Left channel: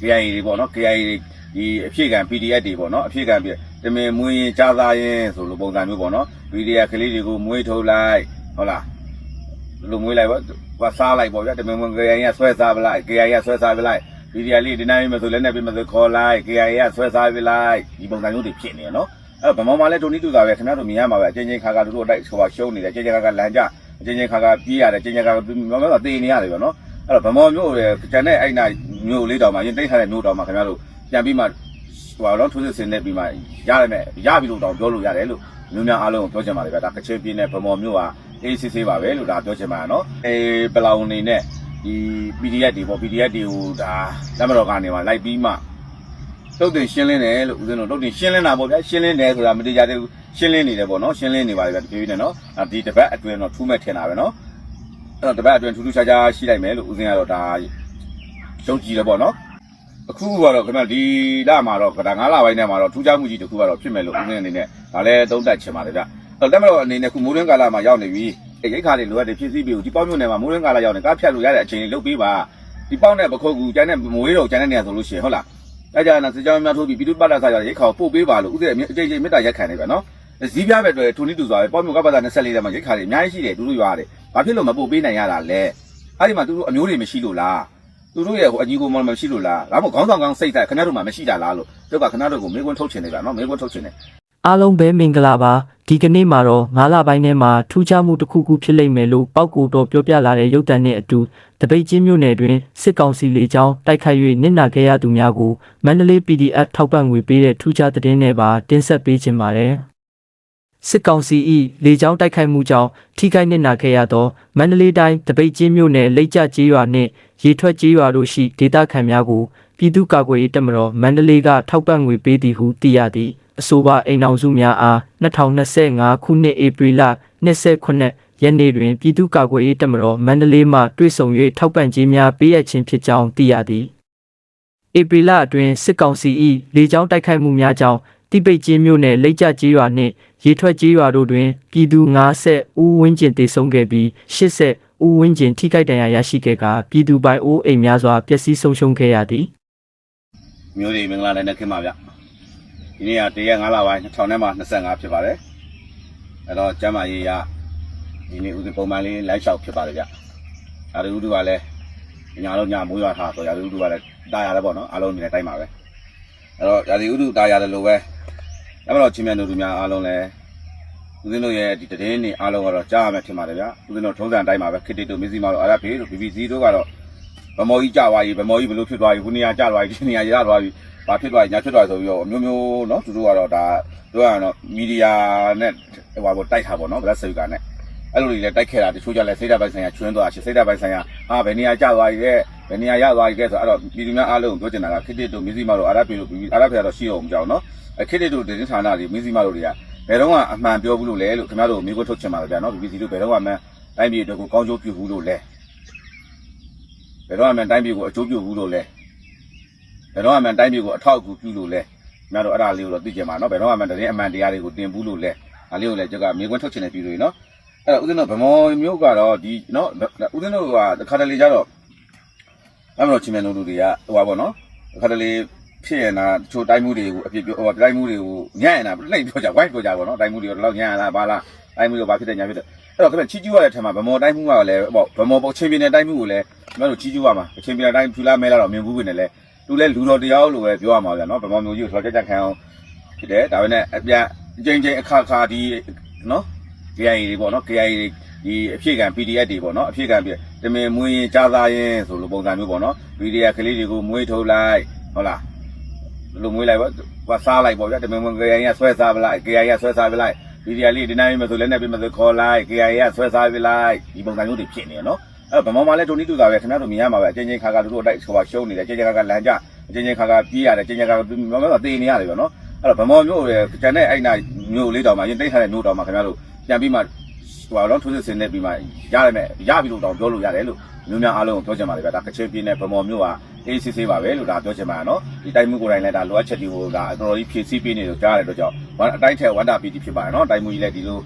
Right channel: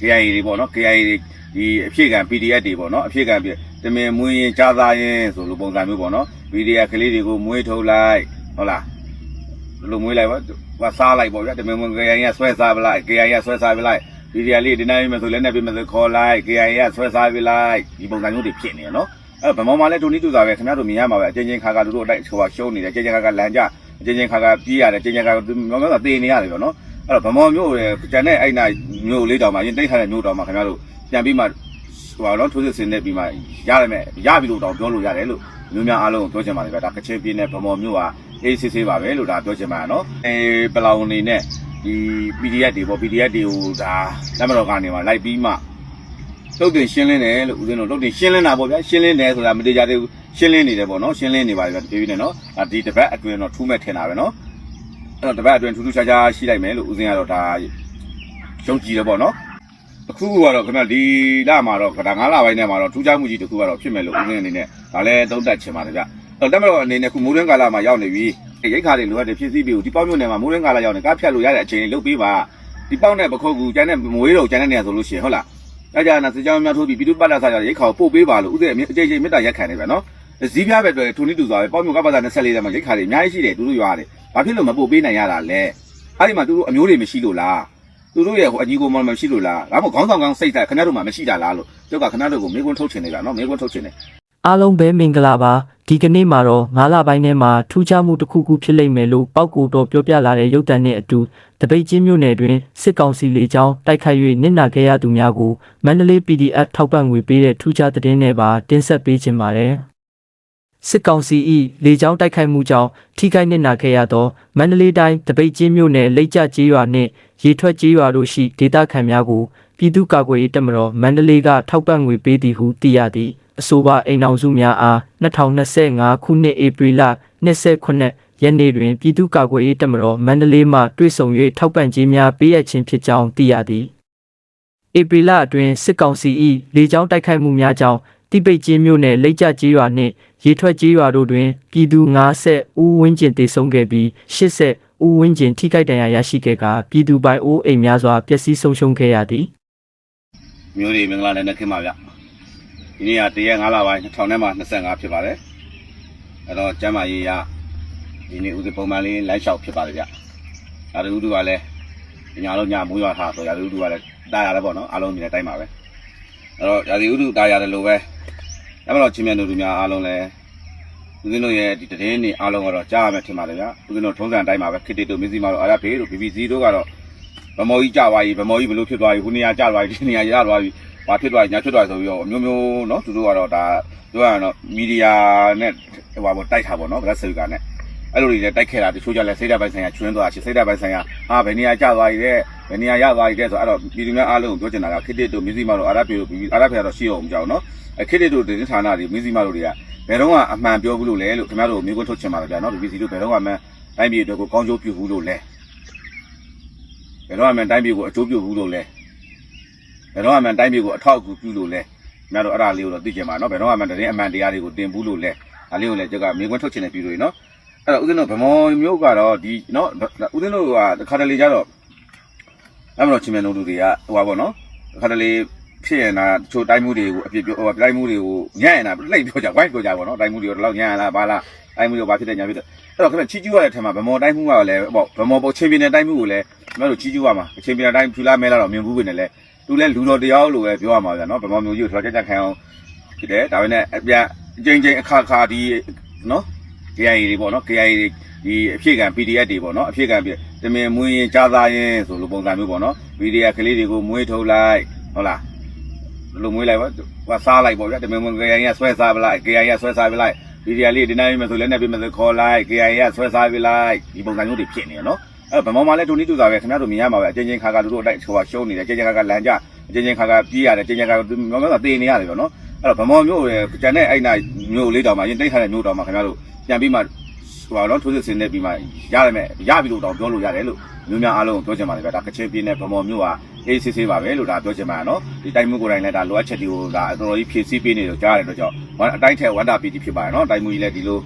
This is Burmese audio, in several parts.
KIA တွေပေါ့နော် KIA တွေဒီအဖြစ်ကံ PDF တွေပေါ့နော်အဖြစ်ကံပြီးတမင်မွေးရင်ကြားသားရဲ့ဆိုလိုပုံစံမျိုးပေါ့နော် PDF ကလေးတွေကိုမွေးထုတ်လိုက်ဟုတ်လားဘယ်လိုမွေးလိုက်ပေါ့ဝါစားလိုက်ပေါ့ဗျာတမင်မွေး KIA ကဆွဲစားပလိုက် KIA ကဆွဲစားပလိုက် PDF လေးဒီနိုင်မယ်ဆိုလည်းနဲ့ပြမယ်ဆိုခေါ်လိုက် KIA ကဆွဲစားပလိုက်ဒီပုံစံမျိုးတွေဖြစ်နေရနော်အဲ့ဗမောမှာလည်းဒိုနီတူစာပဲခင်ဗျားတို့မြင်ရမှာပဲအချင်းချင်းခါခါတို့တို့အတိုက်ဆိုပါရှုံးနေတယ်ချင်းချင်းခါခါလမ်းကြအချင်းချင်းခါခါပြေးရတယ်ချင်းချင်းခါခါမောင်ကတေးနေရတယ်ပေါ့နော် အဲ့တော့ဗမောမျိုးရဲ့ကျန်တဲ့အဲ့နာမျိုးလေးတောင်မှရင်တိတ်ထားတဲ့မျိုးတောင်မှခင်ဗျားတို့ပြန်ပြီးမှဟိုပါတော့ထိုးစစ်ဆင်နေပြီးမှရတယ်မဲ့ရပြီလို့တောင်ပြောလို့ရတယ်လို့မျိုးများအားလုံးပြောချင်ပါတယ်ဗျာဒါကချေပြင်းနဲ့ဗမောမျိုးဟာအေးစစ်စစ်ပါပဲလို့ဒါပြောချင်ပါနော်အေးပလောင်နေနဲ့ဒီ PDF တွေပေါ့ PDF တွေကိုဒါလက်မတော်ကနေမှလိုက်ပြီးမှတုတ်တွေရှင်းလင်းတယ်လို့ဦးဇင်းတို့တုတ်တွေရှင်းလင်းတာပေါ့ဗျာရှင်းလင်းတယ်ဆိုတာမတရားသေးဘူးရှင်းလင်းနေတယ်ပေါ့နော်ရှင်းလင်းနေပါလေဗျာဒီပြီးနေနော်ဒါဒီတပတ်အတွင်းတော့ထူးမဲ့ထင်တာပဲနော် အဲ့တော့တပတ်အတွင်းထူးထူးခြားခြားရှိလိုက်မယ်လို့ဦးဇင်းကတော့ဒါယုံကြည်တယ်ပေါ့နော်အခုကတော့ခင်ဗျဒီလမှာတော့ဒါ9လပိုင်းထဲမှာတော့ထူးခြားမှုကြီးတစ်ခုကတော့ဖြစ်မယ်လို့ဦးဇင်းအနေနဲ့ဒါလည်းသုံးသပ်ချင်ပါတယ်ဗျအဲ့တော့တက်မတော်အနေနဲ့ခုမိုးရင်းကာလမှာရောက်နေပြီအဲ့ရိတ်ခါတွေလိုအပ်တယ်ဖြစ်စီပြီးဒီပေါက်မြို့နယ်မှာမိုးရင်းကာလရောက်နေကားဖြတ်လို့ရတဲ့အခြေအနေလုပ်ပြီးမှဒီပေါက်နဲ့ပခုတ်ကူကျန်တဲ့မွေးတော့ကျန်တဲ့နေရာဆိုလို့ရှိရင်ဟုတ်လားအဲကြာနာစကြောင်းများထိုးပြီးပြည်သူ့ပတ်လက်စားကြရိတ်ခေါပို့ပေးပါလို့ဥစဉ်အကြိမ်ကြိမ်မေတ္တာရက်ခံနေပဲနော်ဇီးပြားပဲတွေ့ထူနီတူစွာပဲပေါ့မျိုးကပတ်သား24တဲ့မှာရိတ်ခါတွေအများကြီးရှိတယ်သူတို့ရွာတယ် ဘာဖြစ်လို့မပို့ပေးနိုင်ရတာလဲအဲ့ဒီမှာသူတို့အမျိုးတွေမရှိလို့လားသူတို့ရဲ့ဟိုအကြီးကိုမမရှိလို့လားဒါမှမဟုတ်ခေါင်းဆောင်ကောင်းစိတ်ဓာတ်ခဏတို့မှမရှိတာလားလို့ပြောပါခဏတို့ကိုမေကွန်းထုတ်ချင်တယ်ဗျာနော်မေကွန်းထုတ်ချင်တယ်အားလုံးပဲမင်္ဂလာပါဒီကနေ့မှာတော့9လပိုင်းထဲမှာထူးခြားမှုတစ်ခုခုဖြစ်လိမ့်မယ်လို့ပောက်ကူတော်ပြောပြလာတဲ့ရုပ်တံနဲ့အတူတပိတ်ချင်းမြို့နယ်တွင်စစ်ကောင်စီလေကြောင်းတိုက်ခိုက်၍နစ်နာခဲ့ရသူများကိုမန္တလေး PDF ထောက်ပံ့ငွေပေးတဲ့ထူးခြားသတင်းတွေပါတင်ဆက်ပေးခြင်းပါတယ် စစ်ကောင်စီ၏လေကြောင်းတိုက်ခိုက်မှုကြောင့်ထိခိုက်နစ်နာခဲ့ရသောမန္တလေးတိုင်းတပိတ်ချင်းမြို့နယ်လိတ်ကျကျေးရွာနှင့်ရေထွက်ကျေးရွာတို့ရှိဒေသခံများကိုပြည်သူ့ကာကွယ်ရေးတပ်မတော်မန္တလေးကထောက်ပံ့ငွေပေးသည်ဟုသိရသည်အဆိုပါအိမ်အောင်စုများအား2025ခုနှစ်ဧပြီလ29ရက်နေ့တွင်ပြည်သူ့ကာကွယ်ရေးတပ်မတော်မန္တလေးမှတွေ့ဆုံ၍ထောက်ပံ့ခြင်းများပေးအပ်ခြင်းဖြစ်ကြောင်းသိရသည်ဧပြီလအတွင်းစစ်ကောင်စီ၏လေကြောင်းတိုက်ခိုက်မှုများကြောင့် တိပိတ်ကျင်းမြို့နယ်လိတ်ကျကျေးရွာနှင့်ရေထွက်ကျေးရွာတို့တွင်ပြည်သူ90ဦးဝန်းကျင်သေဆုံးခဲ့ပြီး80ဦးဝန်းကျင်ထိခိုက်ဒဏ်ရာရရှိခဲ့ကာပြည်သူပိုင်အိုးအိမ်များစွာပျက်စီးဆုံးရှုံးခဲ့ရသည်မျိုးတွေမင်္ဂလာနဲ့နဲ့ခင်ပါဗျဒီနေ့ကတရက်9လပိုင်း2000နဲ့မှ25ဖြစ်ပါတယ်အဲ့တော့ကျမ်းမာရေးရဒီနေ့ဦးစီးပုံမှန်လေးလမ်းလျှောက်ဖြစ်ပါတယ်ဗျဒါတို့ဦးတို့ကလည်းညာလုံးညာမိုးရွာထားဆိုရာတို့ဦးတို့ကလည်းတားရတယ်ပေါ့နော်အားလုံးမြင်တဲ့အတိုင်းပါပဲအဲ့တော့ရာဒီဦးတို့တားရတယ်လို့ပဲ အဲ့တော့ချင်းမြန်တို့များအားလုံးလည်းဦးဇင်းတို့ရဲ့ဒီတည်င်းနေအားလုံးကတော့ကြားရမယ်ထင်ပါတယ်ဗျဦးဇင်းတို့ထုံးစံအတိုင်းပါပဲခစ်တီတို့မင်းစီမာတို့အာရဖေးတို့ BBC တို့ကတော့ ဗမော်ကြီးကြသွားပြီဗမော်ကြီးဘလို့ဖြစ်သွားပြီခုနေရာကြသွားပြီဒီနေရာရသွားပြီဘာဖြစ်သွားပြီညာဖြစ်သွားပြီဆိုပြီးတော့အမျိုးမျိုးเนาะသူတို့ကတော့ဒါပြောရအောင်မီဒီယာနဲ့ဟိုဘာတိုက်ခါပေါ့เนาะဗလက်ဆေကနဲ့အဲ့လိုတွေနဲ့တိုက်ခဲ့တာတချို့ကြလဲစိတ်ဓာတ်ပိုင်းဆိုင်ရာကျွင်းသွားရှစိတ်ဓာတ်ပိုင်းဆိုင်ရာဟာဘယ်နေရာကြသွားပြီလဲ ဘယ်နေရာရောက်သွားပြီလဲဆိုတော့ပြည်သူများအားလုံးကိုပြောချင်တာကခေတ္တတို့မြစည်းမတို့အာရပြည်တို့အာရပြည်တို့ရှင်းအောင်မကြောက်နော်ခေတ္တတို့ဒေသဌာနတွေမြစည်းမတို့တွေကဘယ်တော့မှအမှန်ပြောဘူးလို့လဲလို့ခင်ဗျားတို့မျိုးကိုထုတ်ချင်ပါတော့ဗျာနော်ဒီပြည်သူတို့ဘယ်တော့မှတိုင်းပြည်တို့ကိုကောင်းကျိုးပြုဘူးလို့လဲဘယ်တော့မှတိုင်းပြည်ကိုအကျိုးပြုဘူးလို့လဲဘယ်တော့မှတိုင်းပြည်ကိုအထောက်အကူပြုလို့လဲခင်ဗျားတို့အဲ့ဒါလေးကိုတော့သိကြပါနော်ဘယ်တော့မှတင်းအမှန်တရားတွေကိုတင်ဘူးလို့လဲဒါလေးကိုလည်းကြက်ကမျိုးကိုထုတ်ချင်တဲ့ပြည်သူတွေနော်အဲ့တော့ဦးဇင်းတို့ဗမောမျိုးကတော့ဒီနော်ဦးဇင်းတို့ကခါတလေကြတော့ အဲ့မလို့ချင်းမြန်တို့တွေကဟိုပါပေါ့နော်တစ်ခါတလေဖြစ်ရင်တော့တချို့တိုင်းမှုတွေကိုအပြစ်ပြောဟိုတိုင်းမှုတွေကိုညံ့ရင်တော့နှိပ်ပြောကြဝိုင်းပြောကြပါတော့တိုင်းမှုတွေကိုတော့ညံ့လားဘာလားတိုင်းမှုတွေဘာဖြစ်တယ်ညာဖြစ်တယ်အဲ့တော့ခင်ဗျချီကျူးရတဲ့ထင်မှာဗမောတိုင်းမှုကလည်းဟောဗမောပေါ်ချင်းပြင်းတဲ့တိုင်းမှုကိုလည်းကျွန်တော်တို့ကြီးကျူးရမှာအချိန်ပြတိုင်းဖြူလာမင်းလာတော့မြင်ဘူးပဲနဲ့လေသူလည်းလူတော်တရားလို့ပဲပြောရမှာဗျာနော်တပေါမျိုးကြီးကိုကြောက်ကြက်ခံအောင်ဖြစ်တယ်ဒါပေမဲ့အပြအချိန်ချင်းအခါခါဒီနော် KIA တွေပေါ့နော် KIA တွေဒီအဖြစ်ကံ PDF တွေပေါ့နော်အဖြစ်ကံပြီး တမင်မွေးရင်ကြားသားရင်ဆိုလိုပုံစံမျိုးပေါ့နော် PDF ကလေးတွေကိုမွေးထုတ်လိုက်ဟုတ်လားဘယ်လိုမွေးလိုက်ပေါ့ဝါစားလိုက်ပေါ့ဗျာတမင်မွေး KIA ကဆွဲစားပလိုက် KIA ကဆွဲစားပလိုက် PDF လေးဒီနိုင်မယ်ဆိုလည်းနဲ့ပြမယ်ဆိုခေါ်လိုက် KIA ကဆွဲစားပလိုက်ဒီပုံစံမျိုးတွေဖြစ်နေရနော်အဲ့ဗမာမှာလည်းဒိုနီတူစာပဲခင်ဗျားတို့မြင်ရမှာပဲအချင်းချင်းခါခါတို့တို့အတိုက်ဟိုရှုံးနေတယ်အချင်းချင်းခါခါလမ်းကြအချင်းချင်းခါခါပြေးရတယ်အချင်းချင်းခါခါမောင်ကတေးနေရတယ်ဗျနော်အဲ့တော့ဗမာမျိုးရဲ့ကျန်တဲ့အဲ့နာမျိုးလေးတောင်မှရင်တိတ်ခါတဲ့မျိုးတောင်မှခင်ဗျားတို့ပြန်ပြီးမှ ဟိုတော့ထိုးစစ်ဆင်နေပြီးမှရတယ်မဲ့ရပြီလို့တော့ပြောလို့ရတယ်လို့မျိုးများအားလုံးကိုပြောချင်ပါတယ်ဗျဒါကချင်ပြည်နယ်ဗမာမျိုးဟာအေးစစ်စစ်ပါပဲလို့ဒါပြောချင်ပါနော်ဒီတိုင်းမှုကိုယ်တိုင်လည်းဒါလိုအပ်ချက်တွေကိုဒါအတော်ကြီးဖြည့်ဆည်းပေးနေလို့ကြားရတဲ့အတွက်ကြောင့်အတိုင်းထဲဝန္တာပီတီဖြစ်ပါတယ်နော်တိုင်းမှုကြီးလည်းဒီလို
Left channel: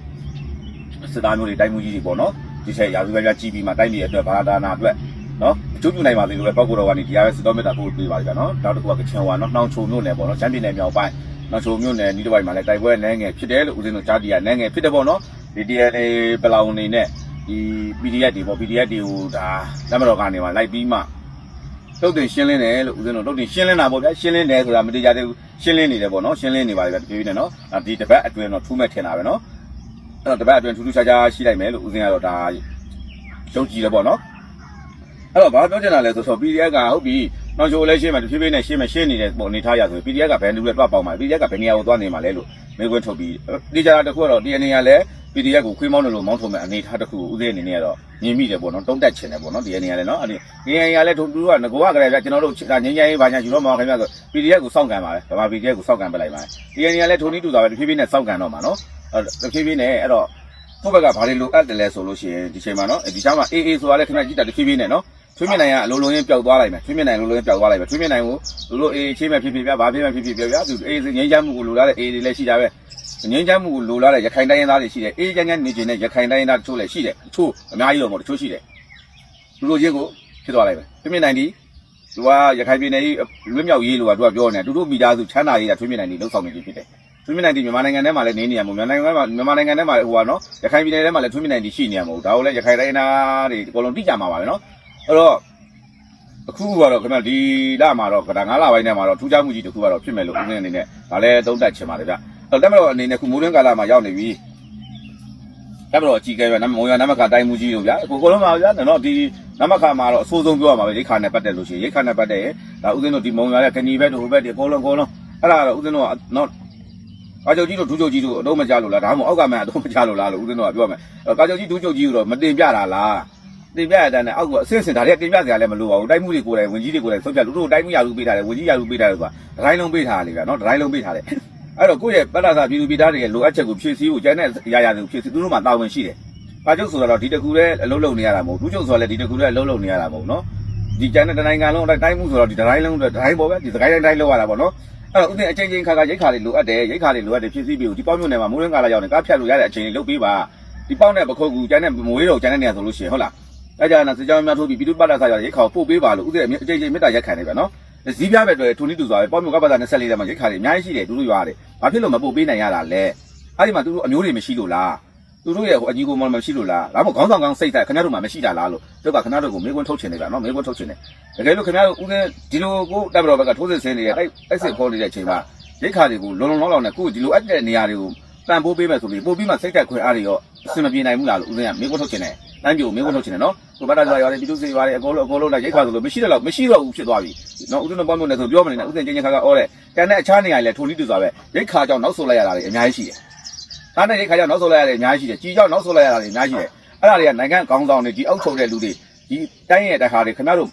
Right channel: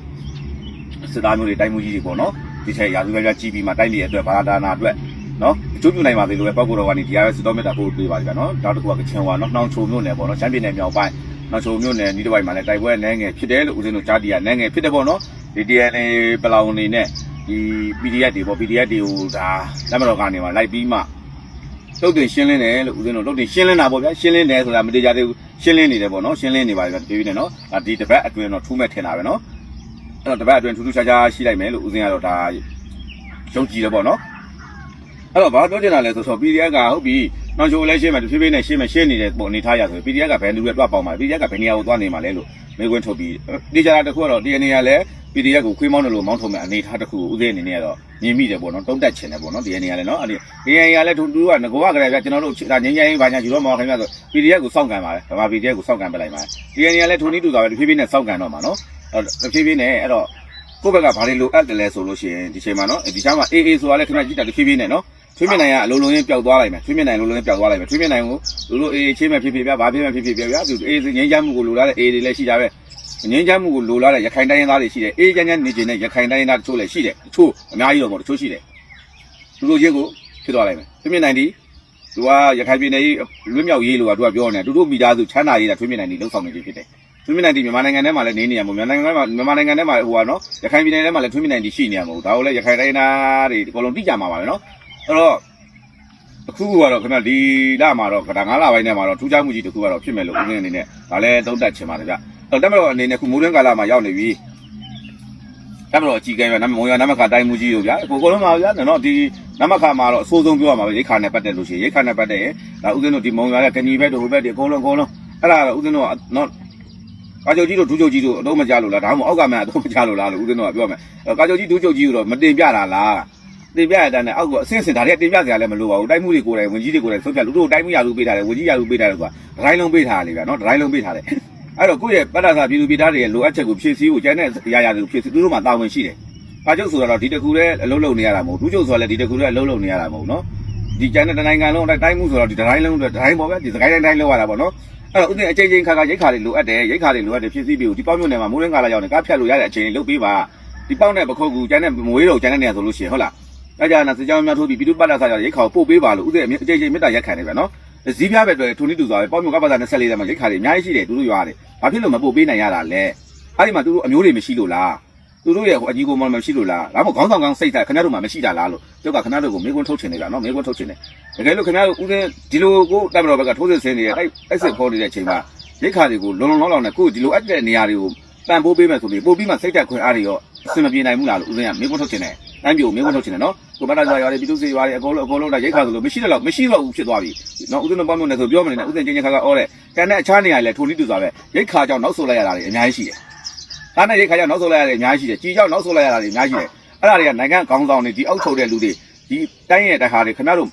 စစ်သားမျိုးတွေတိုင်းမှုကြီးတွေပေါ့နော်ဒီထဲရာဇဝတ်ကကြီးပြီးမှတိုင်းပြည်အတွက်ဘာသာနာအတွက်နော်ကျုပ်ပြနိုင်ပါသေးလို့ပဲပောက်ကိုတော်ကနေဒီအားစတော်မြတ်တာပို့ပေးပါကြနော်ဒါတခုကကချင်ဝါနော်နှောင်ချိုမြို့နယ်ပေါ့နော်ချမ်းပြည်နယ်မြောက်ပိုင်းနှောင်ချိုမြို့နယ်ဒီတစ်ပိုင်းမှာလည်းတိုက်ပွဲလဲငယ်ဖြစ်တယ်လို့ဦးဇင်းတို့ကြားတည်ရလဲငယ်ဖြစ်တယ်ပေါ့နော် ဒီ DNA ပလောင်နေနဲ့ဒီ PDF တွေပေါ့ PDF တွေကိုဒါနမတော်ကနေမှာလိုက်ပြီးမှတုတ်တင်ရှင်းလင်းတယ်လို့ဦးဇင်းတို့တုတ်တင်ရှင်းလင်းတာပေါ့ဗျာရှင်းလင်းတယ်ဆိုတာမတေချာသေးဘူးရှင်းလင်းနေတယ်ပေါ့နော်ရှင်းလင်းနေပါလေဒီနေ့နော်ဒီတစ်ပတ်အတွင်းတော့ထူးမဲ့ထင်တာပဲနော်အဲ့တော့တစ်ပတ်အတွင်းထူးထူးခြားခြားရှိလိုက်မယ်လို့ဦးဇင်းကတော့ဒါယုံကြည်တယ်ပေါ့နော်အဲ့တော့ဘာပြောချင်တာလဲဆိုတော့ PDF ကဟုတ်ပြီနောက်ချိုလည်းရှင်းမယ်တဖြည်းဖြည်းနဲ့ရှင်းမယ်ရှင်းနေတဲ့ပုံအနေထားရဆိုရင် PDF ကဘယ်လူတွေတွားပေါင်းမှာ PDF ကဘယ်နေရာကိုသွားနေမှာလဲလို့ပဲခွဲထုတ်ပြီးတေချာတာတစ်ခုတော့ DNA ကလည်း PDF ကိုခွေးမောင်းတယ်လို့မောင်းထုတ်မဲ့အနေထားတစ်ခုဦးစင်းအနေနဲ့ကတော့ပြင်းမိတယ်ပေါ့နော်တုံးတက်ချင်တယ်ပေါ့နော် DNA ကလည်းနော်အဲ့ဒီ DNA ကလည်းသူကငကောကကလေးကကျွန်တော်တို့ငင်းငင်းရေးဘာညာယူတော့မအောင်ခင်ဗျာဆို PDF ကိုစောင့်ကန်ပါလေဗမာ PDF ကိုစောင့်ကန်ပလိုက်ပါ DNA ကလည်းထုံနည်းတူတာပဲတဖြည်းဖြည်းနဲ့စောင့်ကန်တော့မှာနော်အဲ့တဖြည်းဖြည်းနဲ့အဲ့တော့ကိုယ့်ဘက်ကဘာတွေလိုအပ်တယ်လဲဆိုလို့ရှိရင်ဒီချိန်မှာနော်ဒီချိန်မှာ AA ဆိုတာလည်းခဏကြည့်တာတဖြည်းဖြည်းနဲ့နော်ထွေးမြင့်နိုင်ကအလုံးလုံးရင်ပျောက်သွားလိုက်မယ်ထွေးမြင့်နိုင်လုံးလုံးရင်ပျောက်သွားလိုက်မယ်ထွေးမြင့်နိုင်ကိုလူတို့အေးချင်းမဲ့ဖြစ်ဖြစ်ပြဘာဖြစ်မဲ့ဖြစ်ဖြစ်ပြပြသူအေးငင်းချမ်းမှုကိုလိုလားတဲ့အေးတွေလည်းရှိကြပဲ ငင်းချမ်းမှုကိုလိုလားတဲ့ရခိုင်တိုင်းရင်းသားတွေရှိတယ်အေးချမ်းချမ်းနေကျင်တဲ့ရခိုင်တိုင်းရင်းသားတချို့လည်းရှိတယ်တချို့အများကြီးတော့ပေါ့တချို့ရှိတယ်လူတို့ချင်းကိုဖြစ်သွားလိုက်မယ်ထွေးမြင့်နိုင်ဒီသူကရခိုင်ပြည်နယ်ကြီးလွတ်မြောက်ရေးလို့ကသူကပြောနေတယ်တူတူမိသားစုချမ်းသာရေးတာထွေးမြင့်နိုင်ဒီလောက်ဆောင်နေပြီဖြစ်တယ်ထွေးမြင့်နိုင်ဒီမြန်မာနိုင်ငံထဲမှာလည်းနေနေရမှာမြန်မာနိုင်ငံထဲမှာမြန်မာနိုင်ငံထဲမှာဟိုကနော်ရခိုင်ပြည်နယ်ထဲမှာလည်းထွေးမြင့်နိုင်ဒီရှိနေရမှာဒါကိုလည်းရခိုင်တိုင်းရင်းသားတွေအကုန်လုံးသိကြမှာပါပဲနော်အဲ့တော့အခုကတော့ခင်ဗျဒီလမှာတော့ဒါ9လပိုင်းထဲမှာတော့ထူးခြားမှုကြီးတစ်ခုကတော့ဖြစ်မယ်လို့ဦးငင်းအနေနဲ့ဗာလဲတုံးတက်ချင်ပါတယ်ဗျ။ နောက်တက်မတော်အနေနဲ့ခုမိုးတွင်းကာလမှာရောက်နေပြီ။တက်မတော်အကြီးကဲပဲနမမုံရနမခတိုင်းမှုကြီးတို့ဗျာ။အခုကိုလုံးပါဗျာ။နော်ဒီနမခမှာတော့အဆိုးဆုံးပြောရမှာပဲရိခါနဲ့ပတ်သက်လို့ရှိရင်ရိခါနဲ့ပတ်သက်ရင်ဒါဦးဇင်းတို့ဒီမုံရကတဏီဘက်တို့ဟိုဘက်တွေအကုန်လုံးအကုန်လုံးအဲ့ဒါဦးဇင်းတို့ကနော်ကာချုပ်ကြီးတို့ဒူးချုပ်ကြီးတို့အတော့မကြလို့လားဒါမှမဟုတ်အောက်ကမှန်အတော့မကြလို့လားလို့ဦးဇင်းတို့ကပြောမယ်။ကာချုပ်ကြီးဒူးချုပ်ကြီးတို့တော့မတင်ပြတာလား။တင်ပြရတဲ့နဲ့အောက်ကအဆင့်ဆင့်ဒါတွေတင်ပြစရာလည်းမလိုပါဘူးတိုက်မှုတွေကိုယ်တိုင်ဝင်ကြီးတွေကိုယ်တိုင်ဆုံးဖြတ်လူတို့တိုက်မှုရလူပေးထားတယ်ဝင်ကြီးရလူပေးထားတယ်ဆိုတာဒတိုင်းလုံးပေးထားတယ်လေဗျာနော်ဒတိုင်းလုံးပေးထားတယ် အဲ့တော့ကိုယ့်ရဲ့ပတ္တသာပြည်သူပြည်သားတွေရဲ့လိုအပ်ချက်ကိုဖြည့်ဆည်းဖို့ကျန်တဲ့အရာရာတွေကိုဖြည့်ဆည်းသူတို့မှတာဝန်ရှိတယ်။ငါကျုပ်ဆိုတော့ဒီတကူလည်းအလုံးလုံးနေရတာမဟုတ်ဘူး။ဒုကျုပ်ဆိုလည်းဒီတကူလည်းအလုံးလုံးနေရတာမဟုတ်နော်။ဒီကျန်တဲ့တနိုင်ငံလုံးတိုင်းမှုဆိုတော့ဒီဒတိုင်းလုံးဒတိုင်းပေါ်ပဲဒီစကိုင်းတိုင်းတိုင်းလုံးရတာပေါ့နော်။အဲ့တော့ဥစဉ်အချိန်ချင်းခါခါရိတ်ခါတွေလိုအပ်တယ်ရိတ်ခါတွေလိုအပ်တယ်ဖြည့်ဆည်းပြီးဒီပေါင်းမြို့နယ်မှာမိုးရင်းကာလာရောက်နေကားဖြတ်လို့ရတဲ့အချိန်လေးလုပ်ပေးပါ။ဒီပေါင်းနဲ့ပခုတ်ကူကျန်တဲ့မွေးတော့ကျန်တဲ့နေရာဆိုလို့ရှိရင်ဟုတ်လား။အဲ့ကြနာစကြောင်းများထိုးပြီးပြည်သူ့ပတ်သက်ဆိုင်ရာရိတ်ခါကိုပို့ပေးပါလို့ဥစဉ်အကြိမ်ကြိမ်မေတ္တာရက်ခံတယ်ဗျနော်။ စီးပြားပဲတွေ့ထူနီးတူသွားတယ်ပေါ့မျိုးကပတ်သက်24တဲ့မှာရိတ်ခါတွေအများကြီးရှိတယ်သူတို့ရွာတယ်။ဘာဖြစ်လို့မပို့ပေးနိုင်ရတာလဲ။အဲ့ဒီမှာသူတို့အမျိုးတွေမရှိလို့လား။သူတို့ရဲ့ဟိုအကြီးကိုမမရှိလို့လား။ဒါမှမဟုတ်ခေါင်းဆောင်ကောင်းစိတ်နဲ့ခင်ဗျားတို့မှမရှိတာလားလို့တို့ကခင်ဗျားတို့ကိုမေးခွန်းထုတ်ချင်တယ်ဗျနော်မေးခွန်းထုတ်ချင်တယ်။တကယ်လို့ခင်ဗျားတို့ဥစဉ်ဒီလိုကိုတပ်မတော်ဘက်ကထိုးစစ်ဆဲနေတဲ့အဲ့အဲ့စစ်ခေါင်းနေတဲ့အချိန်မှာရိတ်ခါတွေကိုလုံလုံလောက်လောက်နဲ့ခုဒီလိုအပ်တဲ့နေရာတွေကိုတန်ဖိုးပေးမယ်ဆိုပြီးပို့ပြီးမှစိတ်တက်ခွင့်အားတွေရောအဆင်မပြေနိုင်ဘူးလားလို့ဥစဉ်ကမေးခွန်းထုတ်ချင်တယ်။တန်းပြိုမေးခွန်းထုတ်ချင်တယ်နော်။ ကိုမနာကြရွာတွေပြည်သူ့စီရွာတွေအကုန်လုံးအကုန်လုံးဒါရိတ်ခါဆိုလို့မရှိတော့မရှိတော့ဘူးဖြစ်သွားပြီနော်ဦးဇင်းတို့ပေါင်းလို့လည်းဆိုပြောမနေနဲ့ဦးဇင်းချင်းချင်းခါခါအော်တဲ့တန်တဲ့အခြားနေရာတွေလည်းထုံနည်းတူစွာပဲရိတ်ခါကြောင့်နောက်ဆုတ်လိုက်ရတာတွေအများကြီးရှိတယ်။ဒါနဲ့ရိတ်ခါကြောင့်နောက်ဆုတ်လိုက်ရတာတွေအများကြီးရှိတယ်။ကြီးကြောင့်နောက်ဆုတ်လိုက်ရတာတွေအများကြီးရှိတယ်။အဲ့ဒါတွေကနိုင်ငံခေါင်းဆောင်တွေဒီအောက်ထုတ်တဲ့လူတွေဒီတိုင်းရဲ့တခါတွေခင်ဗျားတို့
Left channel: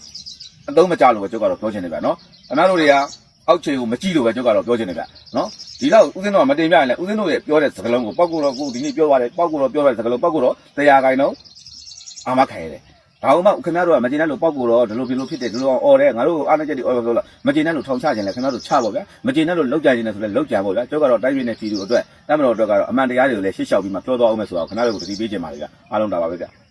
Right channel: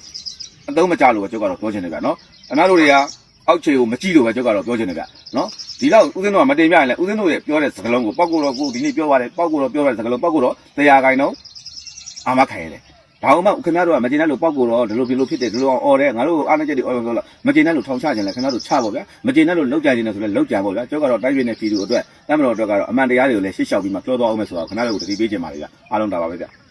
အသုံးမကျလို့ပဲကျုပ်ကတော့ပြောချင်တယ်ဗျာနော်။ခင်ဗျားတို့တွေကအောက်ခြေကိုမကြည့်လို့ပဲကျုပ်ကတော့ပြောချင်တယ်ဗျာနော်။ဒီတော့ဦးဇင်းတို့ကမတင်ပြရင်လည်းဦးဇင်းတို့ရဲ့ပြောတဲ့စကားလုံးကိုပောက်ကိုတော့ကိုဒီနေ့ပြောပါတယ်ပောက်ကိုတော့ပြောတဲ့စကားလုံးပောက်ကိုတော့တရားခိုင်တော့အာမခံရတယ် ဒါမှမဟုတ်ခင်ဗျားတို့ကမကျင်တဲ့လို့ပောက်ကိုတော့ဒီလိုဒီလိုဖြစ်တယ်ဒီလိုအော်တယ်ငါတို့အားနည်းချက်တွေအော်လို့ဆိုတော့မကျင်တဲ့လို့ထောင်ချကြတယ်ခင်ဗျားတို့ချပါဗျာမကျင်တဲ့လို့လောက်ကြခြင်းနဲ့ဆိုလဲလောက်ကြပါဗျာကျောက်ကတော့တိုက်ပြနေတဲ့ပြည်သူအတွက်နတ်မတော်အတွက်ကတော့အမှန်တရားတွေကိုလည်းရှင်းရှောက်ပြီးမှပြောသွားအောင်မယ်ဆိုတော့ခင်ဗျားတို့ကိုတတိပေးခြင်းပါလေဗျာအားလုံးတာပါပဲဗျာ